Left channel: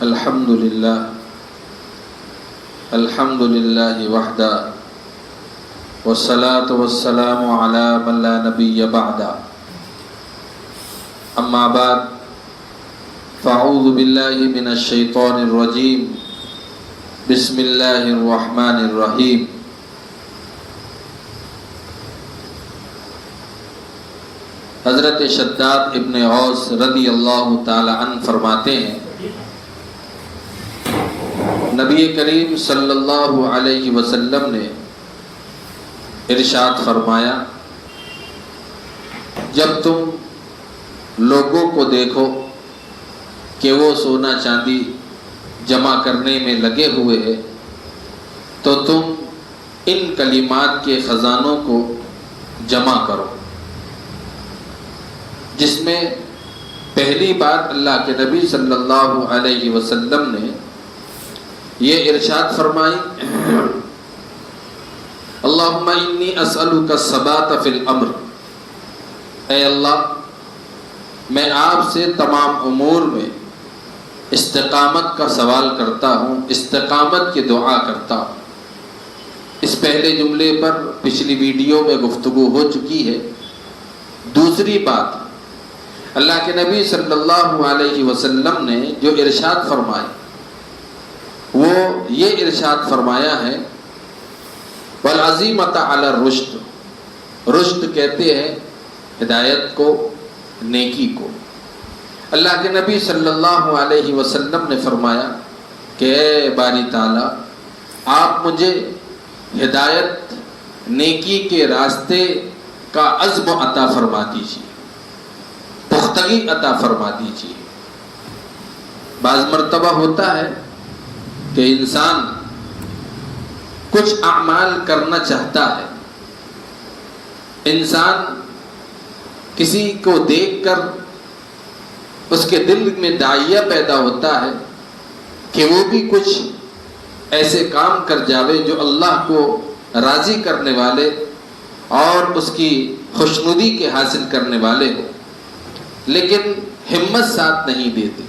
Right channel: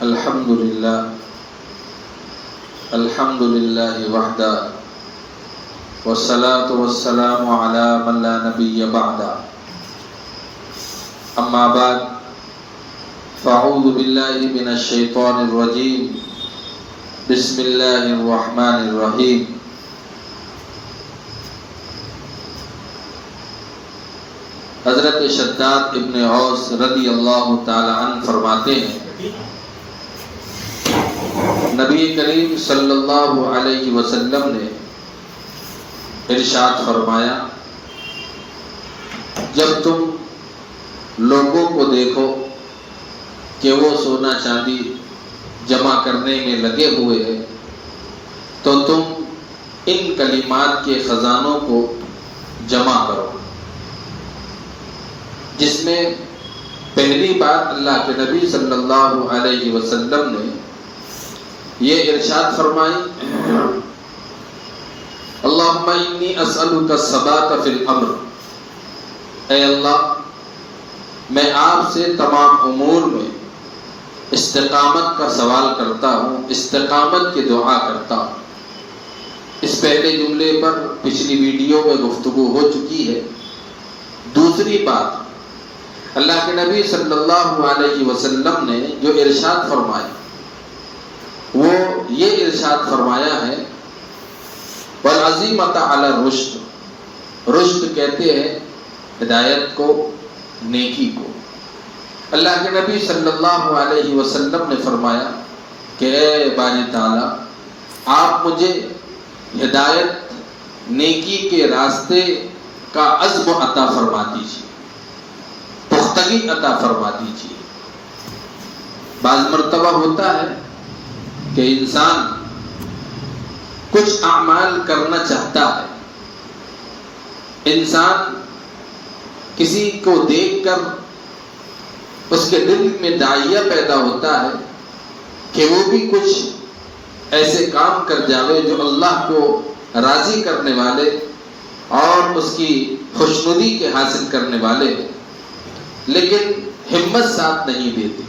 الحمد للہ وحدہ والصلاة والسلام علی من لا نبی بعدہ اما بعد فاعوذ باللہ من الشیطان الرجیم بسم اللہ الرحمن الرحیم حضرت شداد ابن اوس رضی اللہ تعالی عنہ فرماتے ہیں نبی کریم صلی اللہ علیہ وسلم نے ارشاد فرمایا جب تم لوگوں کو دیکھو کہ وہ سونا چاندی جمع کرنے میں لگے ہوئے ہیں تو تم ان کلمات کے خزانوں کو جمع کرو، جس میں پہلی بار اللہ کے نبی صلی اللہ علیہ وسلم نے یہ ارشاد فرمائی اللہم انی اسألک الثبات فی الامر، اے اللہ میں آپ سے تمام امور میں استقامت کا سوال کرتا ہوں، استقامت کی دعا کرتا ہوں۔ اس پہلے جملے پر پچھلی ویڈیو میں گفتگو ہو چکی ہے۔ دوسری بات، اللہ کے نبی صلی اللہ علیہ وسلم نے جو ارشاد فرمائی وہ یہ ارشاد فرمایا ہے والعزیمۃ علی الرشد، رشد کہتے ہیں ہدایت کو، نیکی کو۔ اللہ کے نبی صلی اللہ علیہ وسلم نے فرمایا کہ اے باری تعالیٰ آپ مجھے ہدایت، نیکی کے راستے کا عزم عطا فرما دیجیے، پختگی عطا فرما دیجیے۔ بعض مرتبہ ہوتا ہے کہ انسان کچھ اعمال کرنا چاہتا ہے، انسان کسی کو دیکھ کر اس کے دل میں داعیہ پیدا ہوتا ہے کہ وہ بھی کچھ ایسے کام کر جاوے جو اللہ کو راضی کرنے والے اور اس کی خوشنودی کے حاصل کرنے والے ہو، لیکن ہمت ساتھ نہیں دیتی،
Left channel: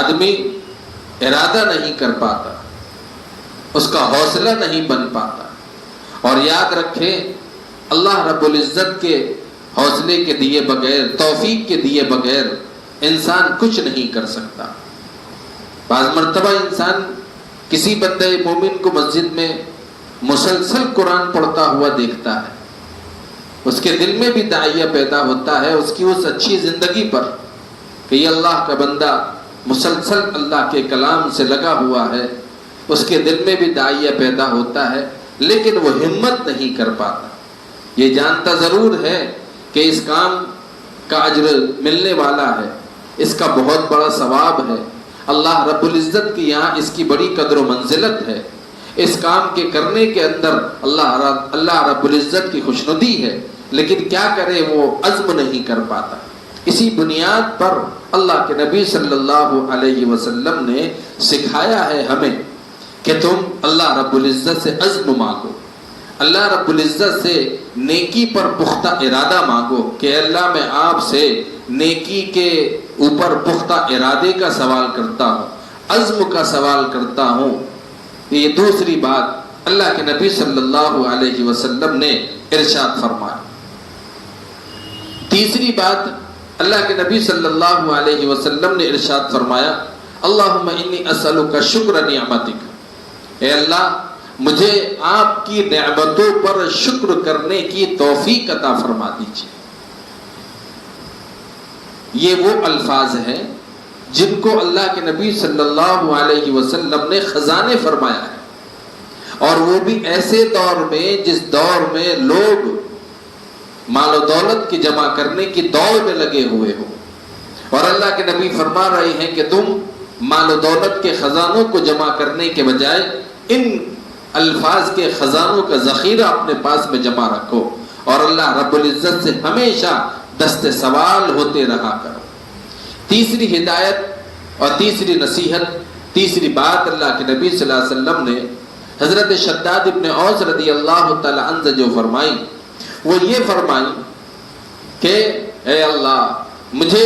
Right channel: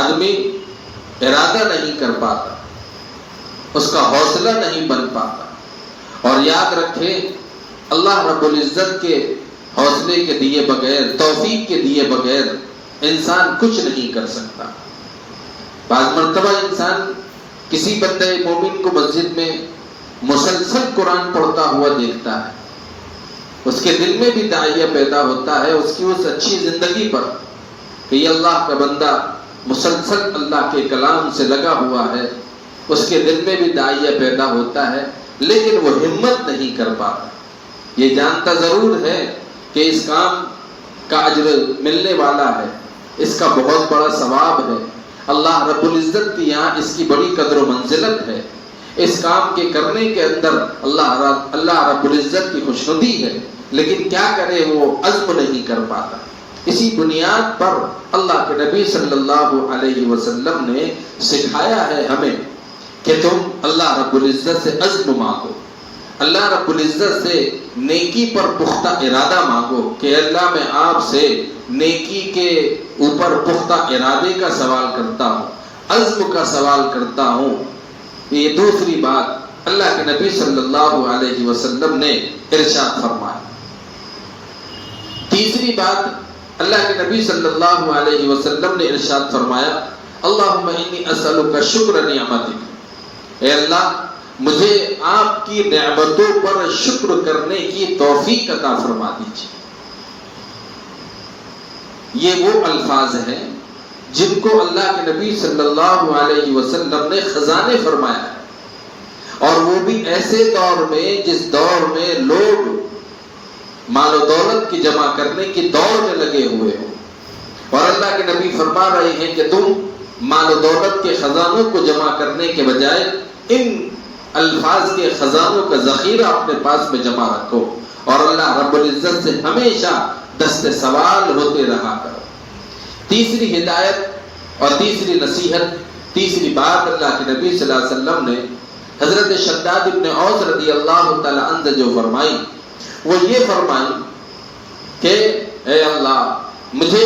آدمی ارادہ نہیں کر پاتا، اس کا حوصلہ نہیں بن پاتا۔ اور یاد رکھیں اللہ رب العزت کے حوصلے کے دیے بغیر، توفیق کے دیے بغیر انسان کچھ نہیں کر سکتا۔ بعض مرتبہ انسان کسی بندہ مومن کو مسجد میں مسلسل قرآن پڑھتا ہوا دیکھتا ہے، اس کے دل میں بھی داعیہ پیدا ہوتا ہے اس کی اس اچھی زندگی پر کہ یہ اللہ کا بندہ مسلسل اللہ کے کلام سے لگا ہوا ہے، اس کے دل میں بھی داعیہ پیدا ہوتا ہے، لیکن وہ ہمت نہیں کر پاتا۔ یہ جانتا ضرور ہے کہ اس کام کا اجر ملنے والا ہے، اس کا بہت بڑا ثواب ہے، اللہ رب العزت کی یہاں اس کی بڑی قدر و منزلت ہے، اس کام کے کرنے کے اندر اللہ رب العزت کی خوشنودی ہے، لیکن کیا کرے وہ عزم نہیں کر پاتا۔ اسی بنیاد پر اللہ کے نبی صلی اللہ علیہ وسلم نے سکھایا ہے ہمیں کہ تم اللہ رب العزت سے عزم مانگو، اللہ رب العزت سے نیکی پر پختہ ارادہ مانگو کہ اللہ میں آپ سے نیکی کے اوپر پختہ ارادے کا سوال کرتا ہوں، عزم کا سوال کرتا ہوں۔ یہ دوسری بات اللہ کے نبی صلی اللہ علیہ وسلم نے ارشاد فرمایا۔ تیسری بات اللہ کے نبی صلی اللہ علیہ وسلم نے ارشاد فرمایا اللہم انی اسألک شکر نعمتک، اے اللہ مجھے آپ کی نعمتوں پر شکر کرنے کی توفیق عطا فرما دیجیے۔ یہ وہ الفاظ ہیں جن کو اللہ کے نبی صلی اللہ علیہ وسلم نے خزانے فرمایا ہے، اور وہ بھی ایسے دور میں جس دور میں لوگ مال و دولت کی جمع کرنے کی دوڑ میں لگے ہوئے ہو، اور اللہ کے نبی فرما رہے ہیں کہ تم مال و دولت کے خزانوں کو جمع کرنے کے بجائے ان الفاظ کے خزانوں کا ذخیرہ اپنے پاس میں جمع رکھو، اور اللہ رب العزت سے ہمیشہ دست سوال ہوتے رہا کرو۔ تیسری ہدایت اور تیسری نصیحت، تیسری بات اللہ کے نبی صلی اللہ علیہ وسلم نے حضرت شداد ابن اوس رضی اللہ تعالی عنہ جو فرمائی وہ یہ فرمائی کہ اے اللہ مجھے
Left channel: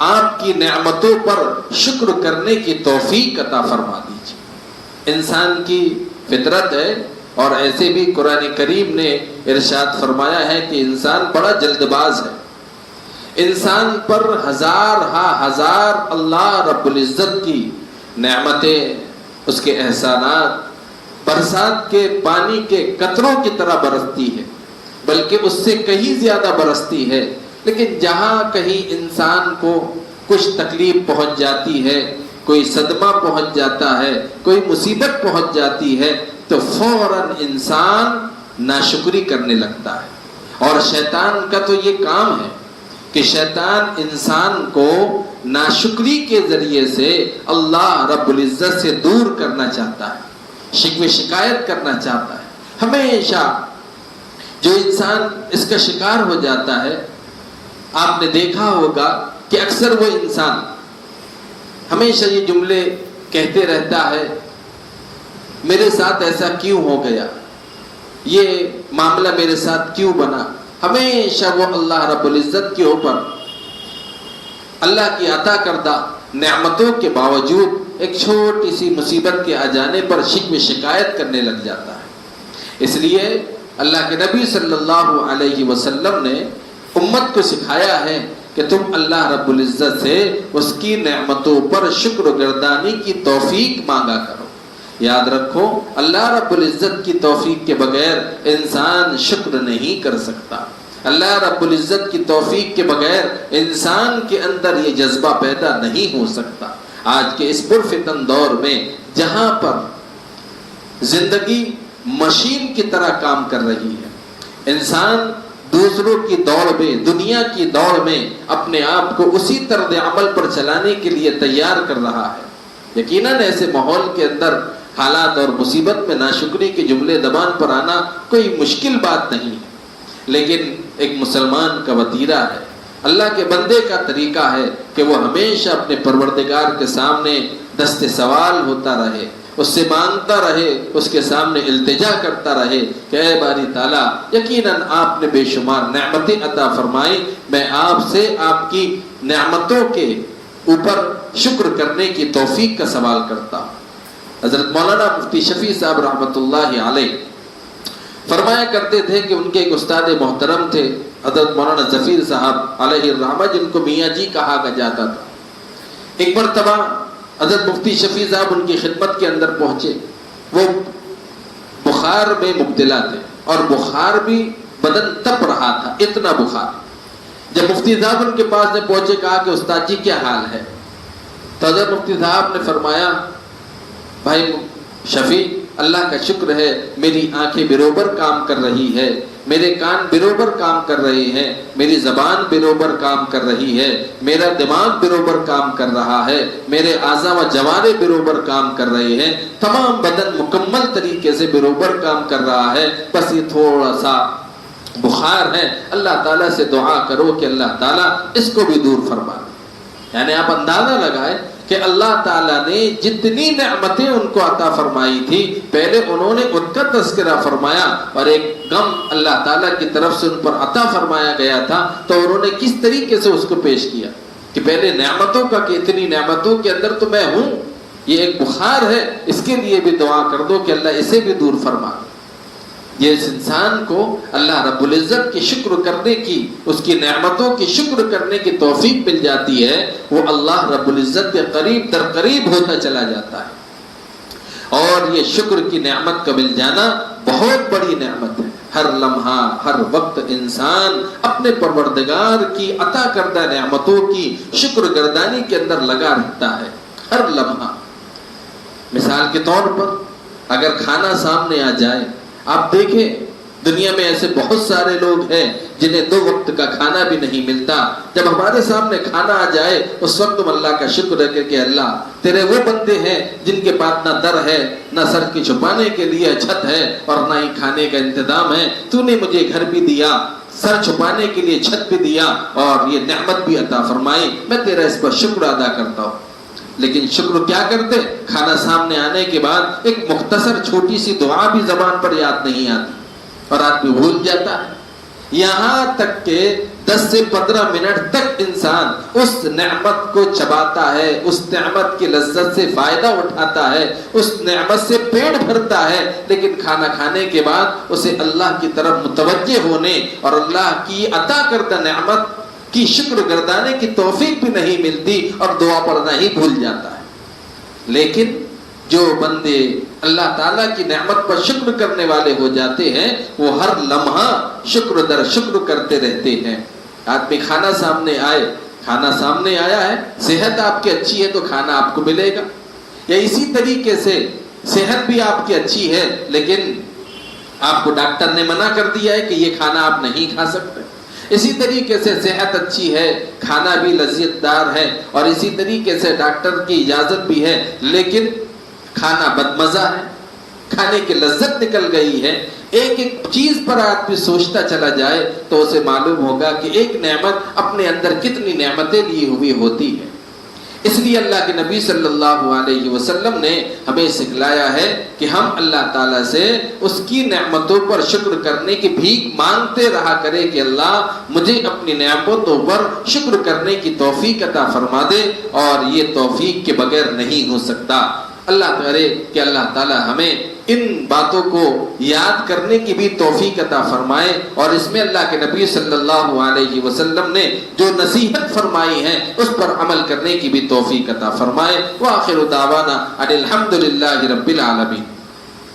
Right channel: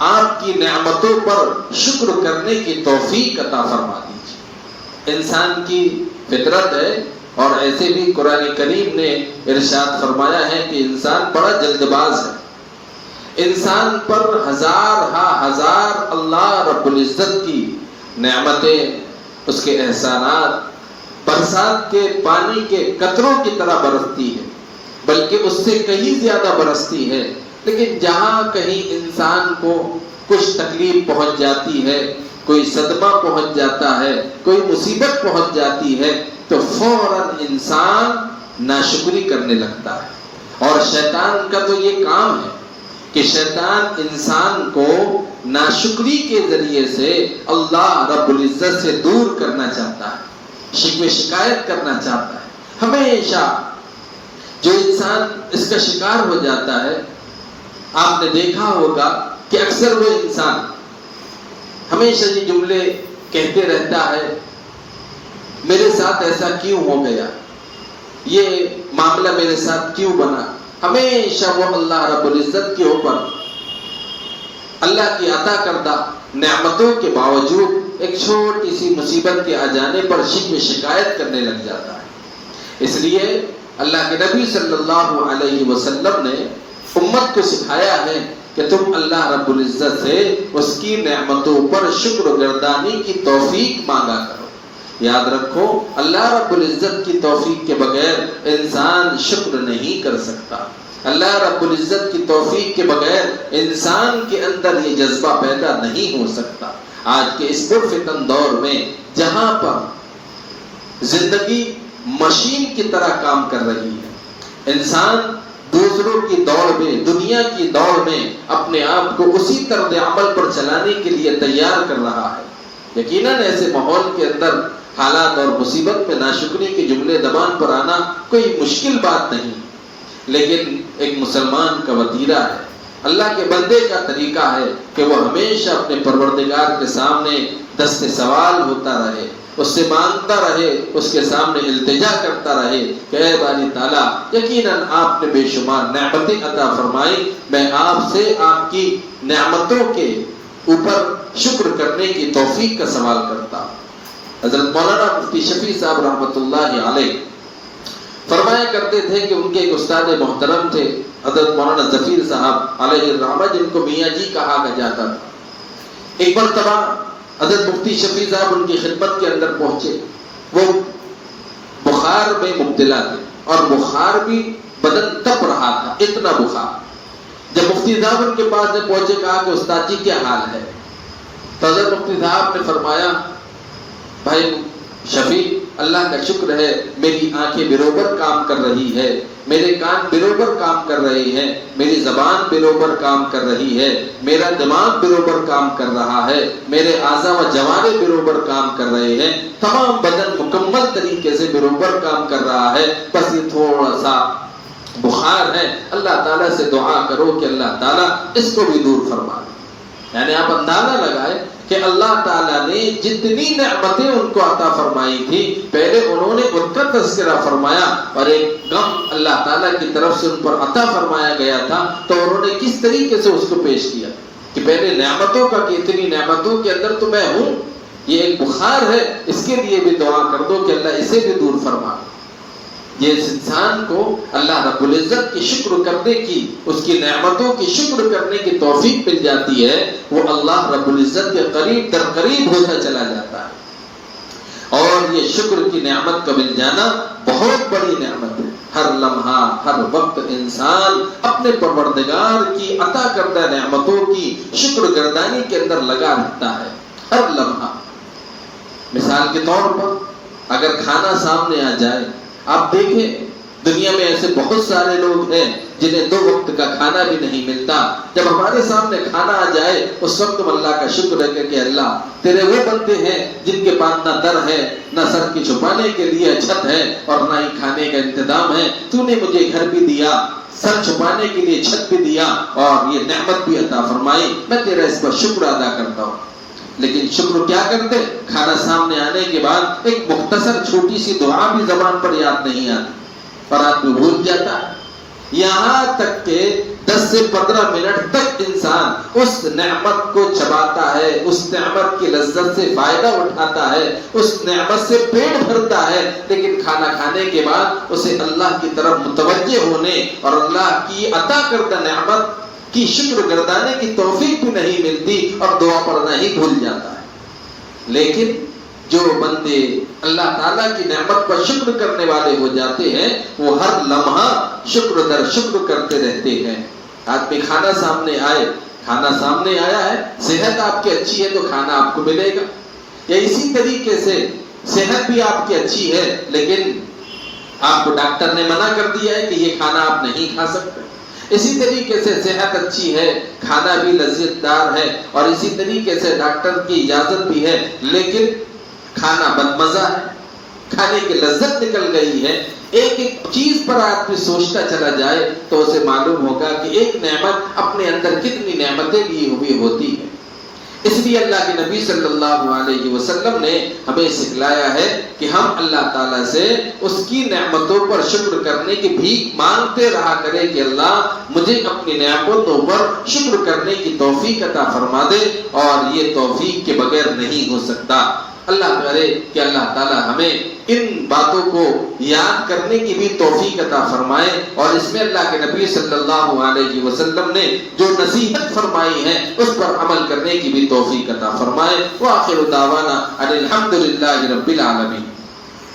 آپ کی نعمتوں پر شکر کرنے کی توفیق عطا فرما دیجیے۔ انسان کی فطرت ہے، اور ایسے بھی قرآن کریم نے ارشاد فرمایا ہے کہ انسان بڑا جلد باز ہے۔ انسان پر ہزار اللہ رب العزت کی نعمتیں، اس کے احسانات برسات کے پانی کے قطروں کی طرح برستی ہے، بلکہ اس سے کہیں زیادہ برستی ہے۔ لیکن جہاں کہیں انسان کو کچھ تکلیف پہنچ جاتی ہے، کوئی صدمہ پہنچ جاتا ہے، کوئی مصیبت پہنچ جاتی ہے، تو فوراً انسان ناشکری کرنے لگتا ہے۔ اور شیطان کا تو یہ کام ہے کہ شیطان انسان کو ناشکری کے ذریعے سے اللہ رب العزت سے دور کرنا چاہتا ہے، شکوے شکایت کرنا چاہتا ہے۔ ہمیشہ جو انسان اس کا شکار ہو جاتا ہے، آپ نے دیکھا ہوگا کہ اکثر وہ انسان ہمیشہ یہ جملے کہتے رہتا ہے، میرے ساتھ ایسا کیوں ہو گیا، یہ معاملہ میرے ساتھ کیوں بنا۔ ہمیشہ وہ اللہ رب العزت کے اوپر اللہ کی عطا کردہ نعمتوں کے باوجود ایک چھوٹی سی مصیبت کے آ جانے پر شکوے شکایت کرنے لگ جاتا ہے۔ اس لیے اللہ کے نبی صلی اللہ علیہ وسلم نے امت کو سکھایا ہے کہ تم اللہ رب العزت سے اس کی نعمتوں پر شکر گردانی کی توفیق مانگا کرو۔ یاد رکھو، اللہ رب العزت کی توفیق کے بغیر انسان شکر نہیں کر سکتا۔ اللہ رب العزت کی توفیق کے بغیر انسان کے اندر یہ جذبہ پیدا نہیں ہو سکتا۔ آج کے اس پرفتن دور میں جہاں پر زندگی مشین کی طرح کام کر رہی ہے، انسان دوسروں کی دوڑ میں، دنیا کی دوڑ میں اپنے آپ کو اسی طرز عمل پر چلانے کے لیے تیار کر رہا ہے۔ یقیناً ایسے ماحول کے اندر حالات اور مصیبت میں ناشکری کے جملے زبان پر آنا کوئی مشکل بات نہیں، لیکن ایک مسلمان کا وتیرہ ہے، اللہ کے بندے کا طریقہ ہے کہ وہ ہمیشہ اپنے پروردگار کے سامنے دست سوال ہوتا رہے، اس سے مانگتا رہے، اس کے سامنے التجا کرتا رہے کہ اے باری تعالیٰ، یقیناً آپ نے بے شمار نعمتیں عطا فرمائی، میں آپ سے آپ کی نعمتوں کے اوپر شکر کرنے کی توفیق کا سوال کرتا ہوں۔ حضرت مولانا مفتی شفیع صاحب رحمۃ اللہ علیہ فرمایا کرتے تھے کہ ان کے ایک استاد محترم تھے حضرت مولانا ظفیر صاحب علیہ الرحمہ، جن کو میاں جی کہا جاتا تھا۔ ایک مرتبہ حضرت مفتی شفیع صاحب ان کی خدمت کے اندر پہنچے، وہ بخار میں مبتلا تھے اور بخار بھی بدن تپ رہا تھا، اتنا بخار۔ جب مفتی صاحب ان کے پاس پہنچے، کہا کہ استاد جی کیا حال ہے؟ تو حضرت مفتی صاحب نے فرمایا، بھائی شفیع، اللہ کا شکر ہے میری آنکھیں بروبر کام کر رہی ہے، میرے کان بروبر کام کر رہے ہیں، میری زبان بروبر کام کر رہی ہے، میرا دماغ بروبر کام کر رہا ہے، میرے اعضاء و جوارے بروبر کام کر رہے ہیں، تمام بدن مکمل طریقے سے بروبر کام کر رہا ہے، بس یہ تھوڑا سا بخار ہے، اللہ تعالیٰ سے دعا کرو کہ اللہ تعالیٰ اس کو بھی دور فرما دے۔ یعنی آپ اندازہ لگائیں کہ اللہ تعالیٰ نے جتنی نعمتیں ان کو عطا فرمائی تھی، پہلے انہوں نے ان کا تذکرہ فرمایا، اور ایک غم اللہ تعالیٰ کی طرف سے ان پر عطا فرمایا گیا تھا، تو انہوں نے کس طریقے سے اس کو پیش کیا کہ پہلے نعمتوں کا، کہ اتنی نعمتوں کے اندر تو میں ہوں، یہ ایک بخار ہے، اس کے لیے بھی دعا کر دو کہ اللہ اسے بھی دور فرما۔ یہ اس انسان کو اللہ رب العزت کی شکر کرنے کی، اس کی نعمتوں کی شکر کرنے کی توفیق مل جاتی ہے، وہ اللہ رب العزت کے قریب در قریب ہوتا چلا جاتا ہے۔ اور یہ شکر کی نعمت کا مل جانا بہت بڑی نعمت ہے۔ ہر لمحہ، ہر وقت انسان اپنے پروردگار کی عطا کردہ نعمتوں کی شکر گردانی کے اندر لگا رہتا ہے، ہر لمحہ۔ مثال کے طور پر اگر کھانا سامنے آ جائے، آپ دیکھیں دنیا میں ایسے بہت سارے لوگ ہیں جنہیں 2 وقت کا کھانا بھی نہیں ملتا۔ جب ہمارے سامنے کھانا آ جائے، اس وقت تم اللہ کا شکر ہے کہ اللہ تیرے وہ بندے ہیں جن کے پاس نہ در ہے، نہ سر کی چھپانے کے لیے چھت ہے، اور نہ ہی کھانے کا انتظام ہے۔ تو نے مجھے گھر بھی دیا، سر چھپانے کے لیے چھت بھی دیا، اور یہ نعمت بھی عطا فرمائی، میں تیرا اس پر شکر ادا کرتا ہوں۔ لیکن شکر کیا کرتے؟ کھانا سامنے آنے کے بعد ایک مختصر چھوٹی سی دعا بھی زبان پر یاد نہیں آتی، اور آدمی بھول جاتا ہے۔ یہاں تک کہ 10 سے 15 منٹ تک انسان اس نعمت کو چباتا ہے، اس نعمت کی لذت سے فائدہ اٹھاتا ہے، اس نعمت سے پیٹ بھرتا ہے، لیکن کھانا کھانے کے بعد اسے اللہ کی طرف متوجہ ہونے اور اللہ کی عطا کردہ نعمت کی شکر گردانے کی توفیق بھی نہیں ملتی اور دعا پڑھنا ہی بھول جاتا ہے۔ لیکن جو بندے اللہ تعالیٰ کی نعمت پر شکر کرنے والے ہو جاتے ہیں وہ ہر لمحہ شکر در شکر کرتے رہتے ہیں۔ آدمی کھانا سامنے آئے، کھانا سامنے آیا ہے، صحت آپ کی اچھی ہے تو کھانا آپ کو ملے گا، یا اسی طریقے سے صحت بھی آپ کی اچھی ہے لیکن آپ کو ڈاکٹر نے منع کر دیا ہے کہ یہ کھانا آپ نہیں کھا سکتے، اسی طریقے سے صحت اچھی ہے، کھانا بھی لذت دار ہے، اور اسی طریقے سے ڈاکٹر کی اجازت بھی ہے لیکن کھانا بدمزہ ہے، کھانے کی لذت نکل گئی ہے۔ ایک ایک چیز پر آدمی سوچتا چلا جائے تو اسے معلوم ہوگا کہ ایک نعمت اپنے اندر کتنی نعمتیں لی ہوئی ہوتی ہے۔ اس لیے اللہ کے نبی صلی اللہ علیہ وسلم نے ہمیں سکھلایا ہے کہ ہم اللہ تعالیٰ سے اس کی نعمتوں پر شکر کرنے کی بھیک مانگتے رہا کرے کہ اللہ مجھے اپنی نعمتوں پر شکر کرنے کی توفیق عطا فرما دے، اور یہ توفیق کے بغیر نہیں ہو سکتا۔ اللہ کرے کہ اللہ تعالیٰ ہمیں ان باتوں کو یاد کرنے کی بھی توفیق عطا فرمائے، اور اس میں اللہ کے نبی صلی اللہ علیہ وسلم نے جو نصیحت فرمائی ہے اس پر عمل کرنے کی بھی توفیق عطا فرمائے۔ وآخر دعوانا ان الحمد للہ رب العالمین۔